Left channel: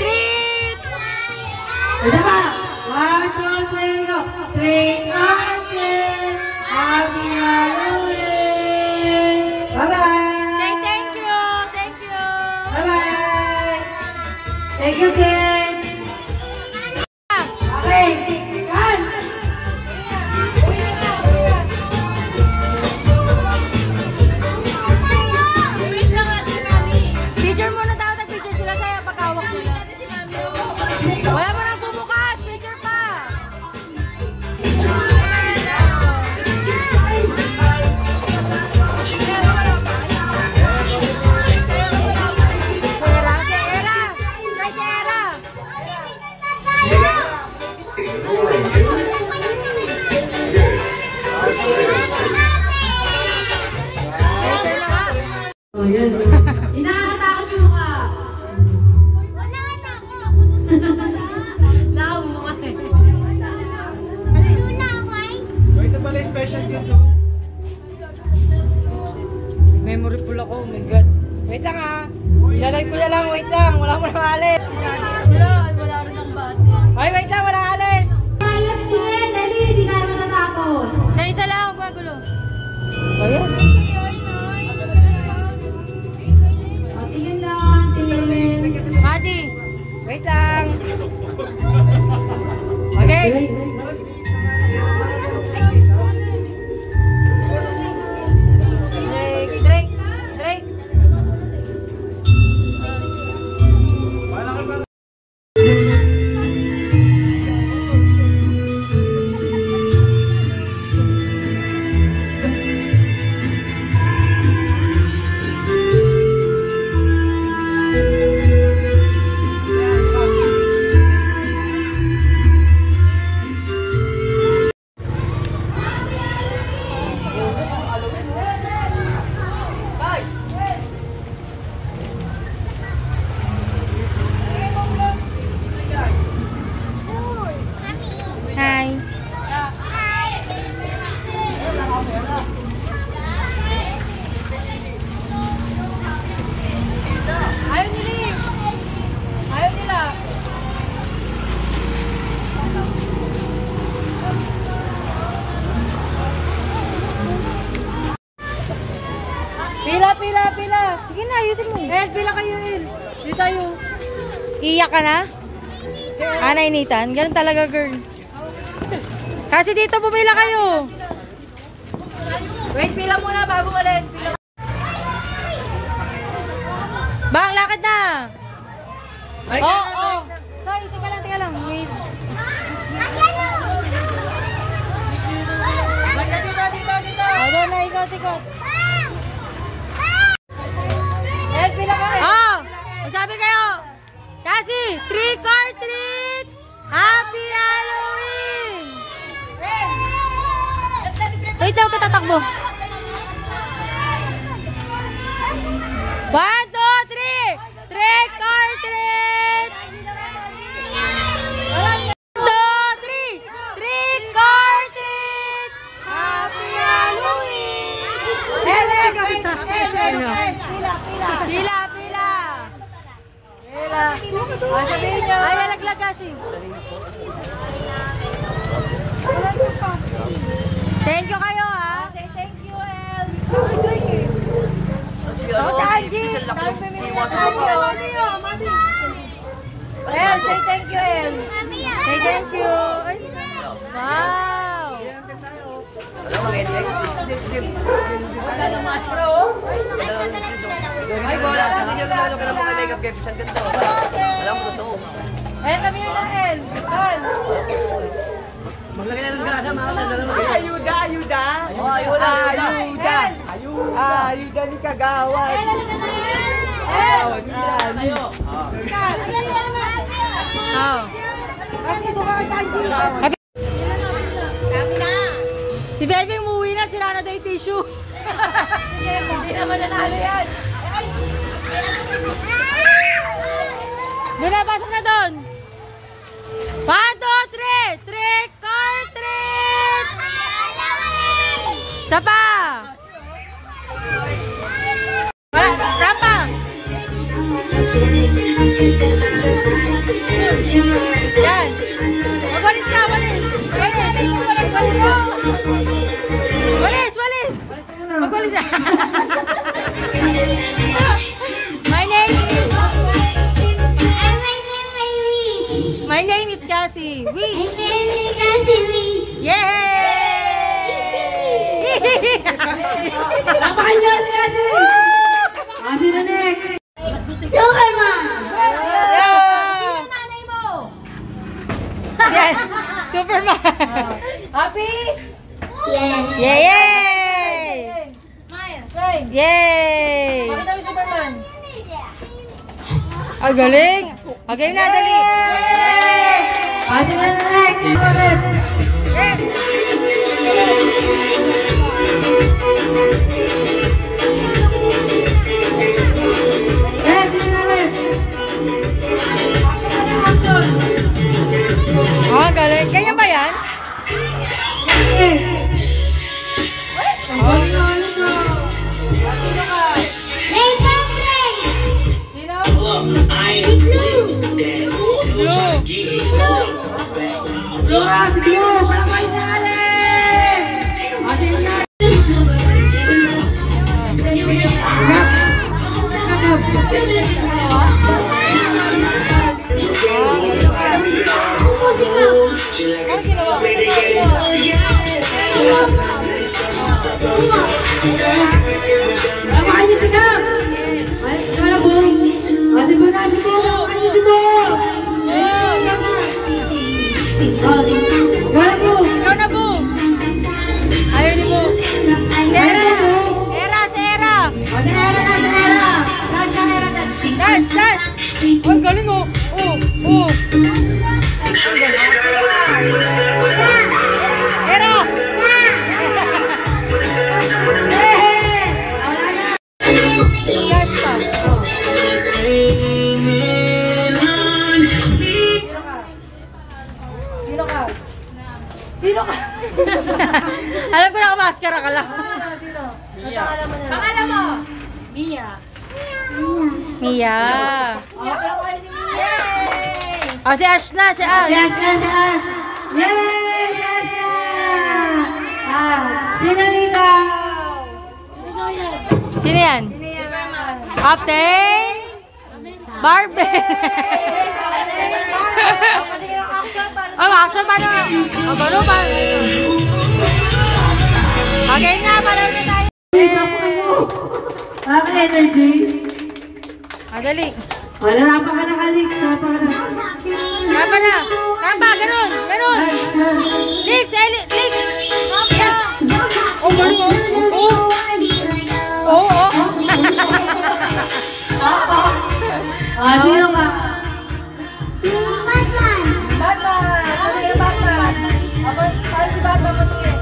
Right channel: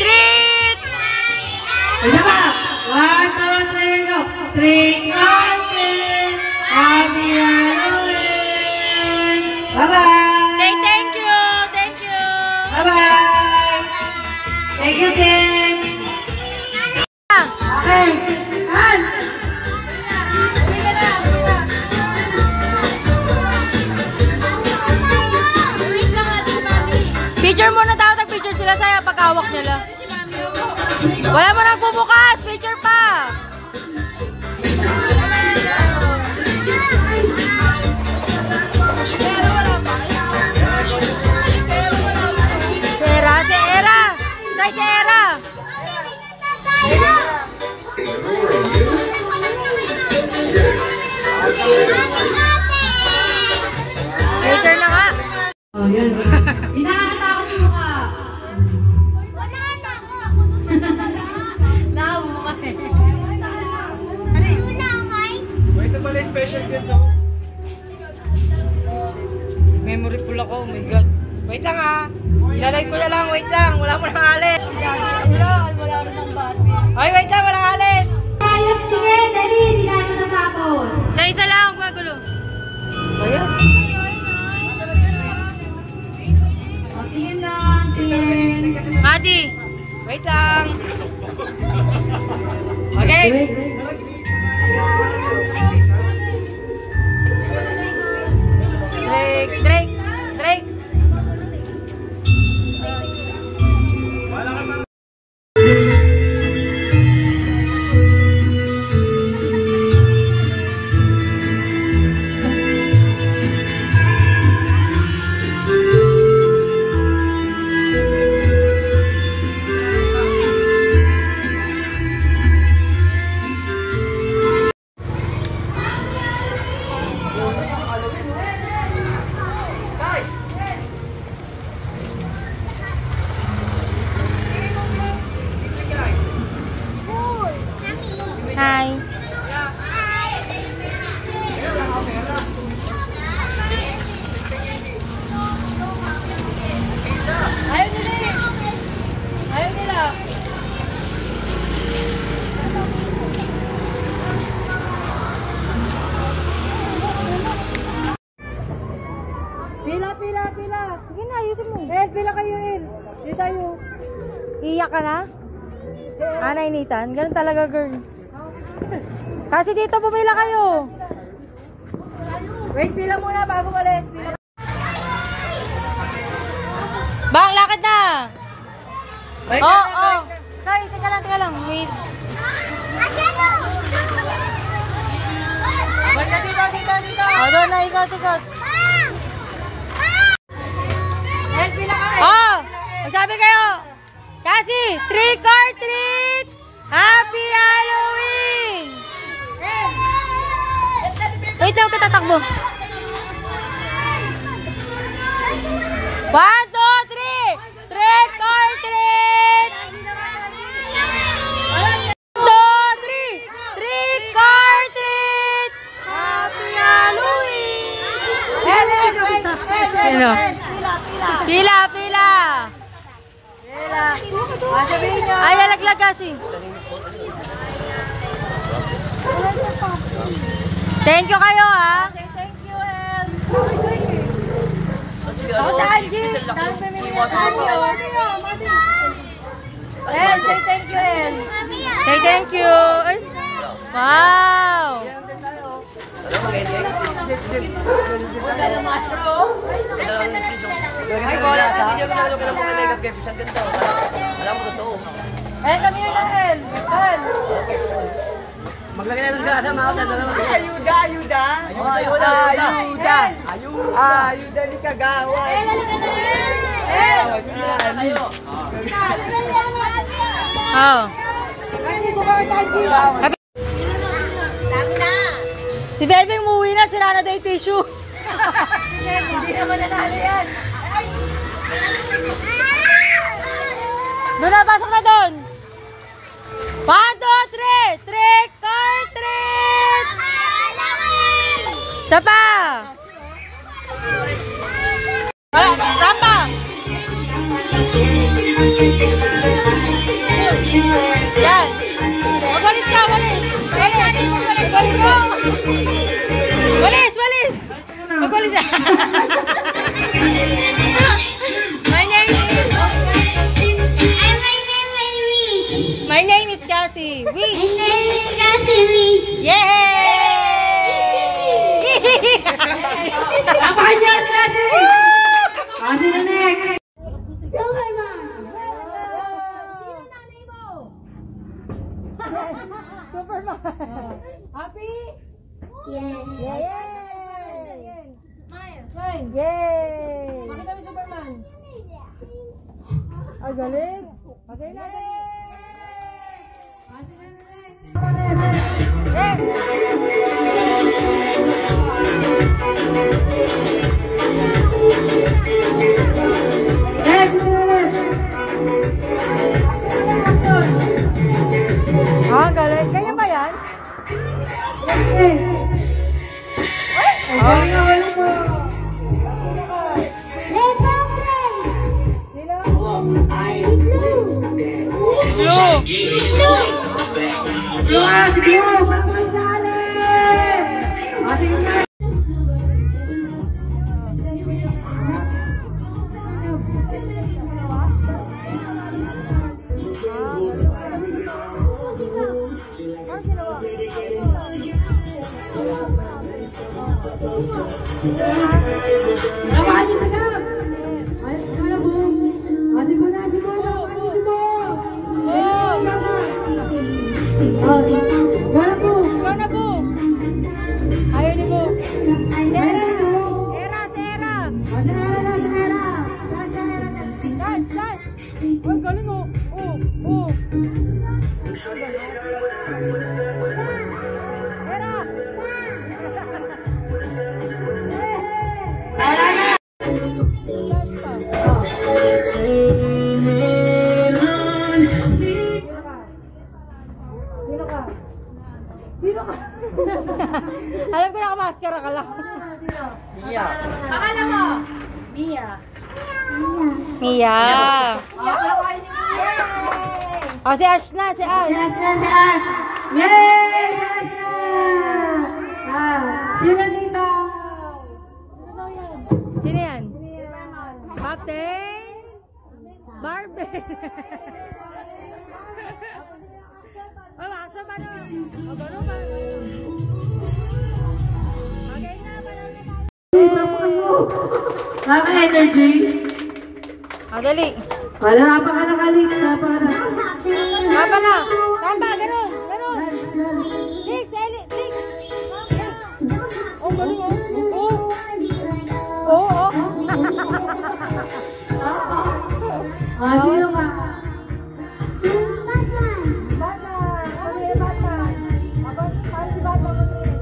Treat! Isa pa! 1, 2, 3, go! Trick or treat! Happy Halloween! Bye-bye! Say thank you! Thank you! Bye-bye! Thank you, kids! Okay! Kan! Picture muna tayo, nag-picture sila sa'yo pagkawak nila. Wala mo nang bubukas, picture pa. Sera, Sera. Say Sera. Picture na nga. Oh, yan. Inakatakot mo ka. Wala na ako. Lao mo kasi. Oh, ito pala yung special guest, oh. Memory full ako, oh my god. Wait lang ah. Ilalay ko na lang, wait lang. Wala mo nang alis. Wala rin ang bati. Ay, wait lang, walang alis. Ayos tingin, dali, hindi tayo matatapos. Isa-isa lang, gumagulo. Ayan. O, tingin lang, tingin. Madi, wait lang. Okay. Drake. Hi. Ayaw nila. Pila. Sige na, ayusin mo. Pila kayo, El. Dito tayo. Iiyak ka na? Nainitan? Ganun talaga, girl. Kasi dito pumila kayo. Wait, pila muna bago malis. Pila. Bang, lakad na. Balik Oh. na. Sorry, teka lang. Wait. Balik na dito. Oh, doon na, ikot. El, pila ka. Oh, sabi kayo. Kasi, trick or treat. Happy Halloween. Wait lang, katatakbo. 1, 2, 3. Trick or treat. 1, 2, 3. Trick or treat. Happy Halloween. Pila. Sabihin niyo. Ay, nalaglag kasi. Thank you kayo, ha? Say thank you, El. El, say thank you, El. Say thank you. Ay. Wow. Alam, mag-ending. Ay, wala sa video ko na ka mga makeup gift. Ang ganda. Alam mo, totoo. El, kami yun na, El. El. Maglagay na ng gada, mga kagada. Ayuda ni Kagawad. Oh. Si Bebe umuwi na, sila na daw yung tissue. Hindi naman nanalo yan. Doon na, pasok na doon. 1, 2, 3. Trick or treat. Isa pa. Wala, rampa. Yan. Magwalis ka, walis. Walis. Magwalis mo. Walis, walis. Magwalis ka. My name is... My name is Cassie. Wee. Yay! Napakanyas kasi! Kasi na next! Superman! Yeah. Yan. Superman. Happy? Yes. Yay! Yay! Smile! Yay! Pakita mo Superman! Ay, galing. Okay na, dali. Kasi na next! Superman! Eh. Next! Next! Action! Oh, galing. Ganyan ba yan? Okay! Oh. Rainbow Friends! Sino? Blue. Blue nga! Si Blue! Wala kayo sa akin! Kasi na! Wala kayo si Gab! Wala po! Kasi po na si Bo! Kasi si Bo! Wala po! Ikaw na, Bu. Ayaw ni Bu. Sera. Era, Sera. Kasi era na! Si era! Dance ka era! Dance, dance. Ay, galing oh. Oh, oh. Era. Dance pa. Sino ka? Sino ka? Alam ko na maskara ka lang. Sino? Mia. Pangalan mo? Mia. Mia. Oh, si Ash na, si Ash. Si Ash na, si Ash! Yay! Si Ash na! Sino dito? Sino yan? Sino yan? Sino yan? Captain Barbie. Oh, action pa na. Oh, gano'n pa. Okay na, parang na tayo. Mga energy. Magali. Wala pa ka nakalik. Sapa ka na. Tama na. Tama, gano'n. Gano'n. Lix, Lix. Oh, galing oh. Oh, oh. Sino ka? Batman! Batman! Ano yung Batman? Paano si Batman matingin?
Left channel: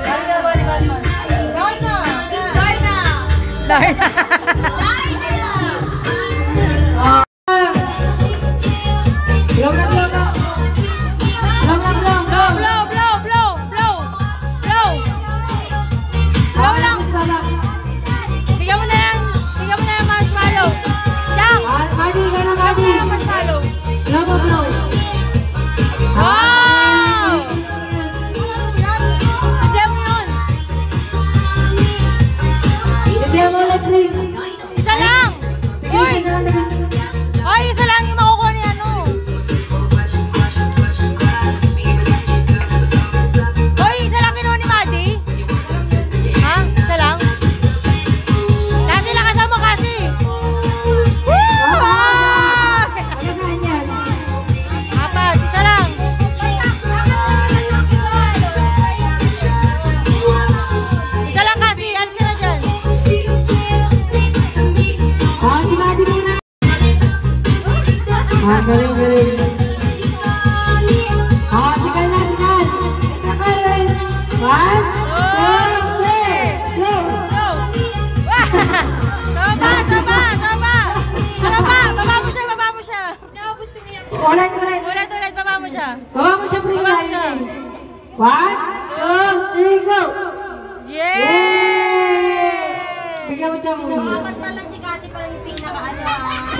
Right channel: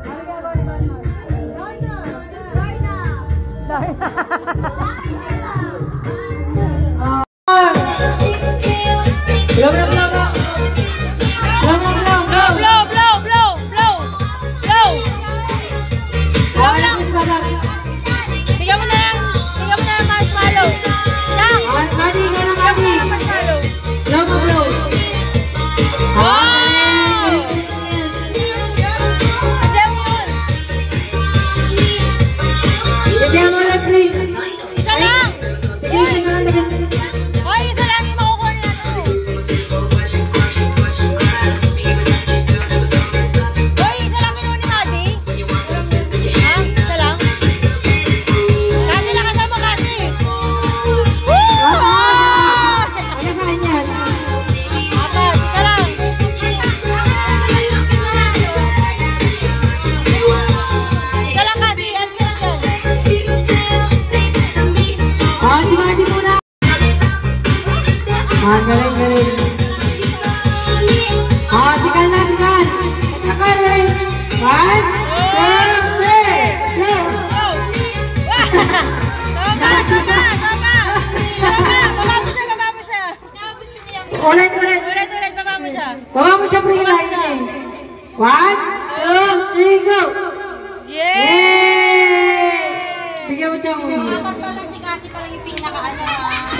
Paano ginagawa ni Batman? Darna! Darna. Blow, blow, blow, blow! Blow, blow, blow! Blow, blow, blow, blow, blow. Blow lang. Si Batman. Bigyan mo na ng marshmallow. Lang. Mali ka!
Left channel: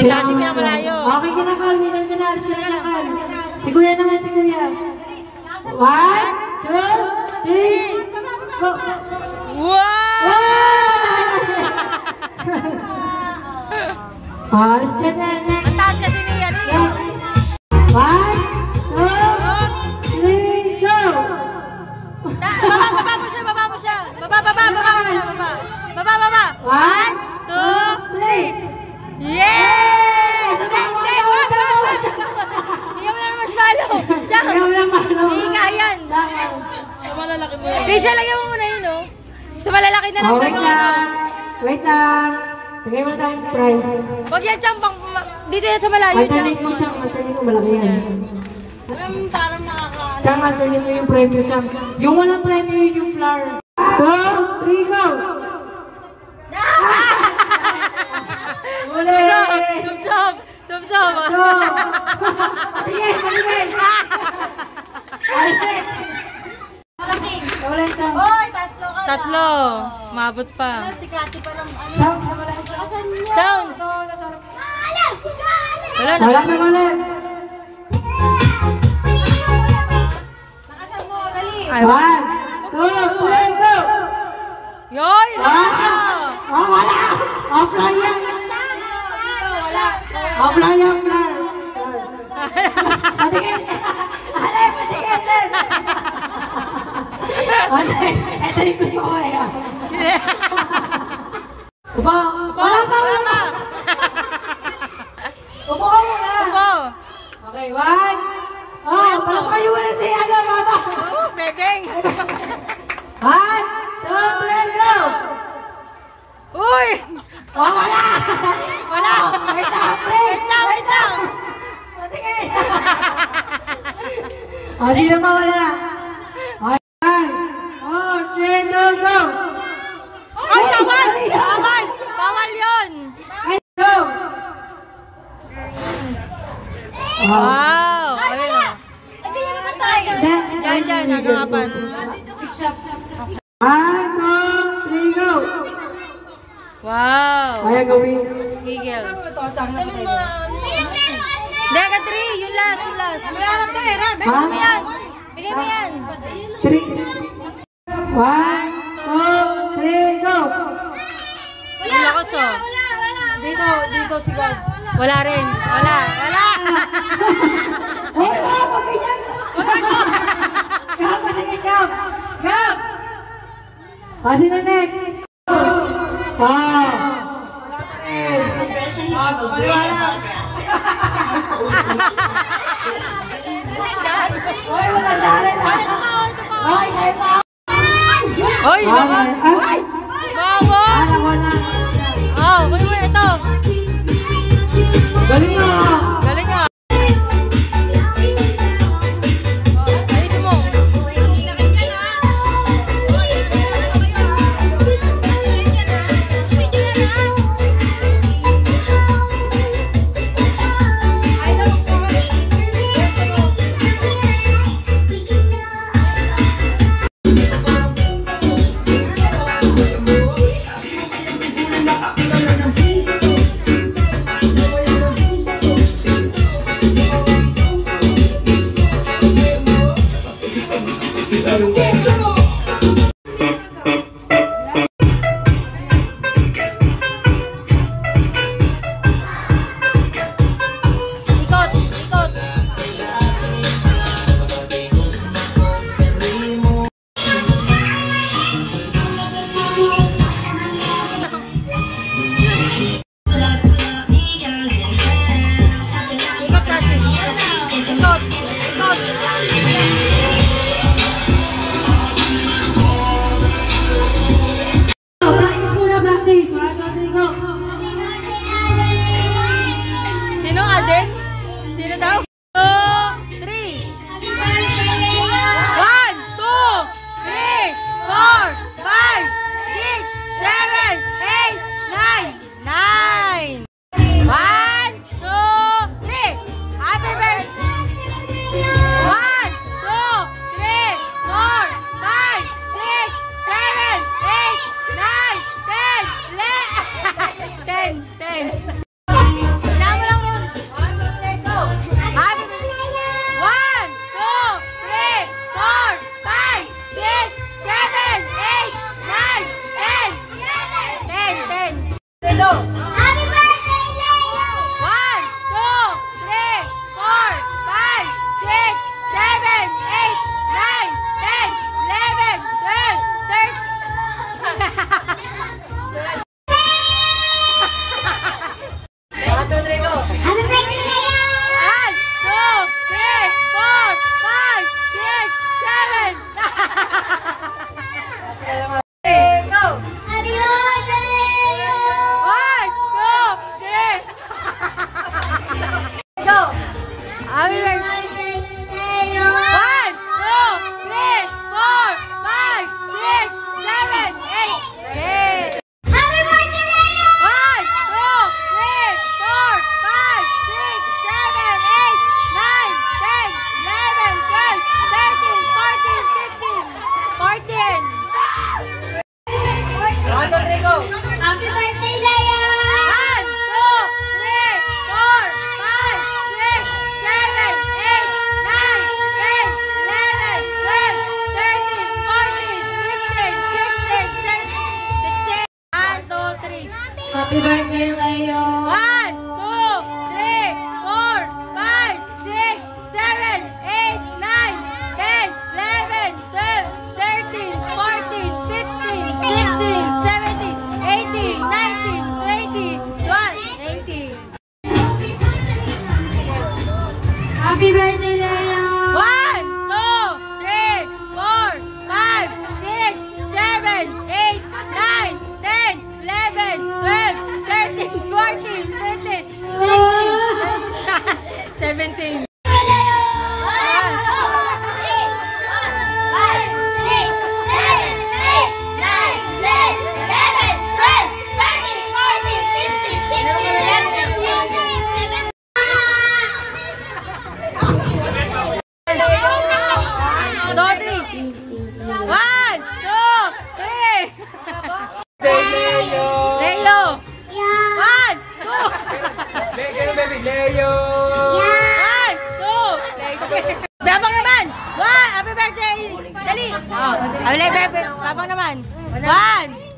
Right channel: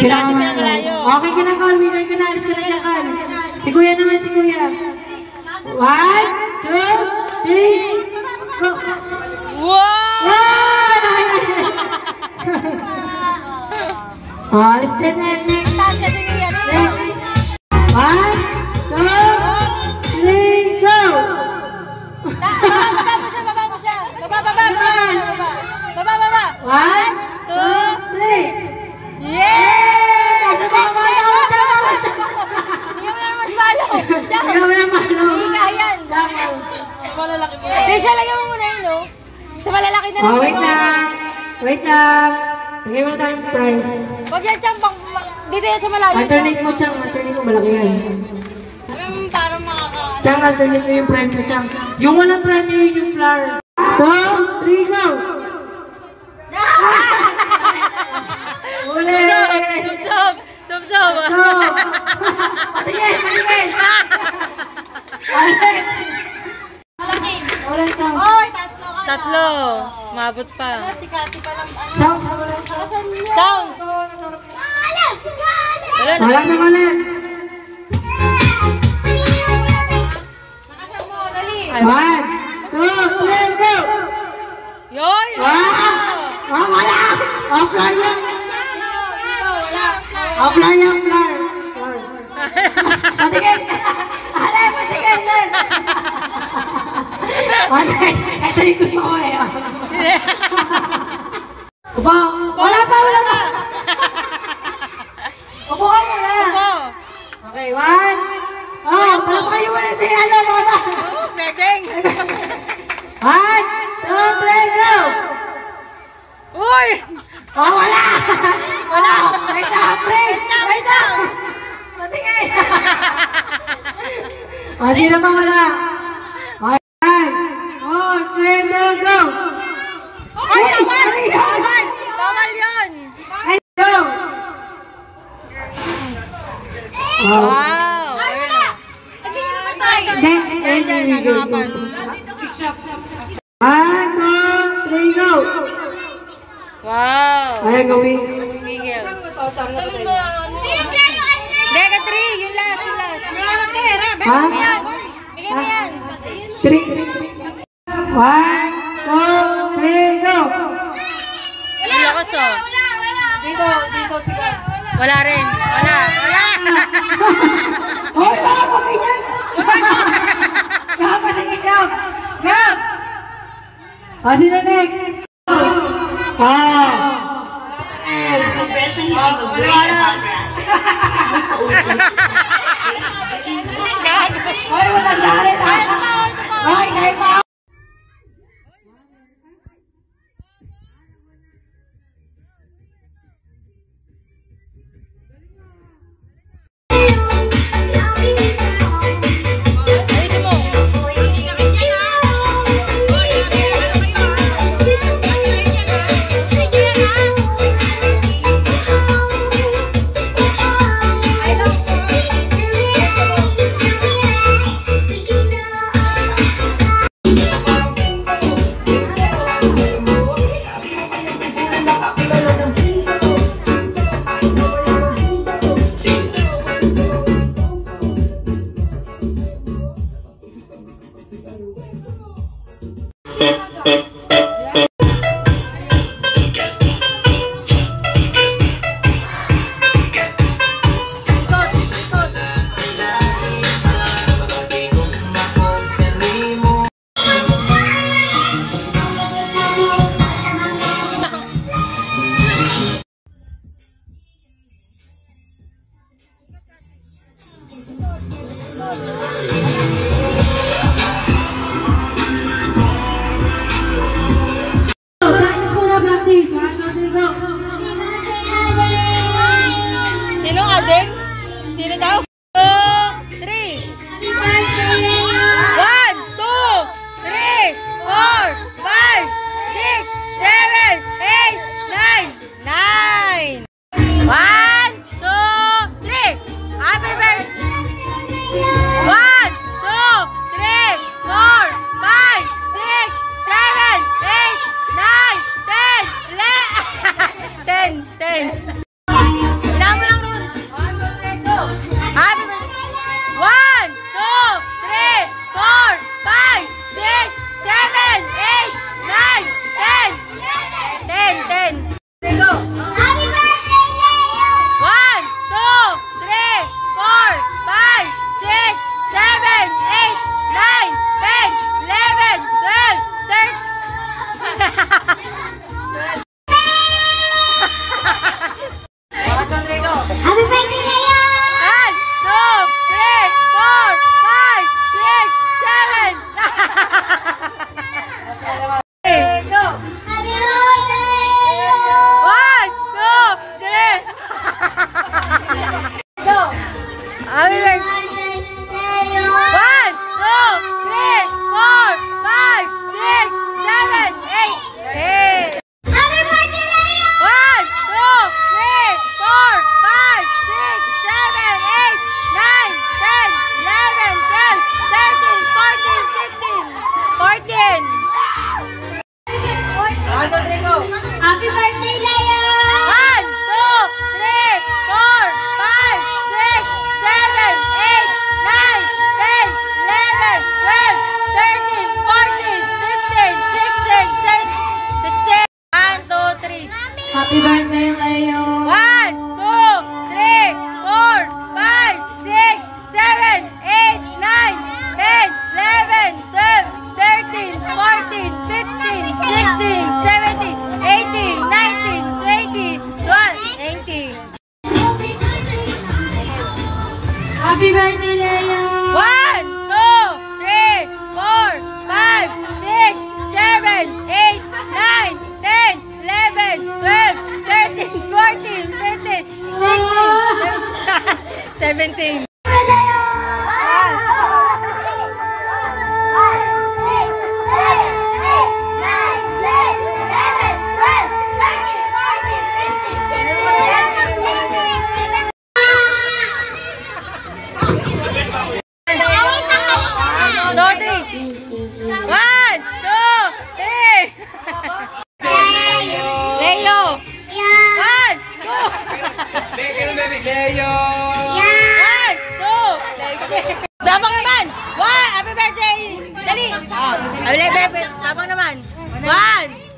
Si Cassie pinakalayo. Okay ka na, Carl. Winner ka na. Alis ka na dyan, Carl. Si Kuya naman, si Kuya. 1, 2, 3, go! Wow! Alis dyan na. Next. Taas kasi niya. Next. 1, 2, 3, go! Baba mo siya, baba mo siya. Baba. 1, 2, 3. Yeah! Baba mo. Hindi mo na marshmallow. Jack, Baba mo ng malo. higa yan. Malalaki mo. Risha, lagyan mo muna yun, no? Sa malalaki na lang. Wait lang. Wait lang. Lagay mo na tayong price. Huwag yan, Chang. Dito yan sa malayo. Alternate mo, Chang. Alternate mo, malaki yan. Parang makaka... Chang, alternate mo yung premyo, Chang. Yung walang premyo, yun yung flower. 2, 3, go! Uli! Sumsum. Sumsum. Patigil! Patigil! Alex! Walang sound. Oy, tatlo ka na. Tatlo. Maabot pa. Si Cassie pa lang. Sound! Nakasan niya. Sounds. Wala na. Walang naman ulit. Nakasan mo, dali. 1, 2, 3, go! Yoy! Oh, wala! Offline yan! Wala. Offline yan, floor! Patigil! Ale, patigil din! Ito rin gusto ko eh. Upo! Wala pa! Upo ka muna! Upo. Okay, 1. Oh, parang kayo muna si ano, baba! Oh, bebeng. 1, 2, 3, go! Uy! Oh, wala! Wala. Wait lang, wait! Wait lang. Patigil! Oh, sino pa wala? Okay, 1, 2, 3, go! Ay, bawal! Bawal yun! Ay, go! Oh. Wow! Ayun o. Then, nakapan. 1, 2, 3, go! Wow! Kaya gawin. Gigil. Deka 3, yung last, yung last. Ha? Bigyan mo yan. 3. 1, 2, 3, go! Ang lakas o. Dito sige. Wala rin. Wala. Hoy, wag ganyan! Gab, patingin, Gab! Gab! Sino next? Maliwanag! Hoy, walang dali! Ay, ito pa. Hoy, kayo pa! Hoy, lakas. Bawa. Oh, kunin mo ito. Galing mo! Galing nga. Ayusin mo. Practice muna, practice! 1, 2, 3, go! Sino ading? Sino daw? 2, 3. 1, 2, 3, 4, 5, 6, 7, 8, 9, 10. 1, 2, 3. Happy birthday! 1, 2, 3, 4, 5, 6, 7, 8, 9, 10. 10. 10. Ilan 2, 3, go! Happy birthday, Leo! 1, 2, 3, 4, 5, 6, 7. Go! Happy birthday, Leo! 1, 2, 3. Go! Happy birthday. Birthday, Leo! 1, 2, 3, 4, 5, 6, 7, 8. Happy birthday, Leo! 1, 2, 3, 4, 5, 6, 7, 8, 9, 10, 11, 12, 13, 14, 15, 14. 1, 2, 3, go! Happy birthday, Leo! 1, 2, 3, 4, 5, 6, 7, 8, 9, 10, 11, 12, 13, 14, 15, 16, 17, 16. 1, 2, 3. Happy birthday, Leo! 1, 2, 3, 4, 5, 6, 7, 8, 9, 10, 11, 12, 13, 14, 15, 16, 17, 18, 19, 20, 12, 18. Happy birthday, Leo! 1, 2, 3, 4, 5, 6, 7, 8, 9, 10, 11, 12, 13, 14, 15, 16, 17. Dodri. 1, 2, 3. Leo. 1, 2. Leo! 1, 2. Dabang naman. 1, happy birthday. Dali. Happy birthday. Dabang naman. 1,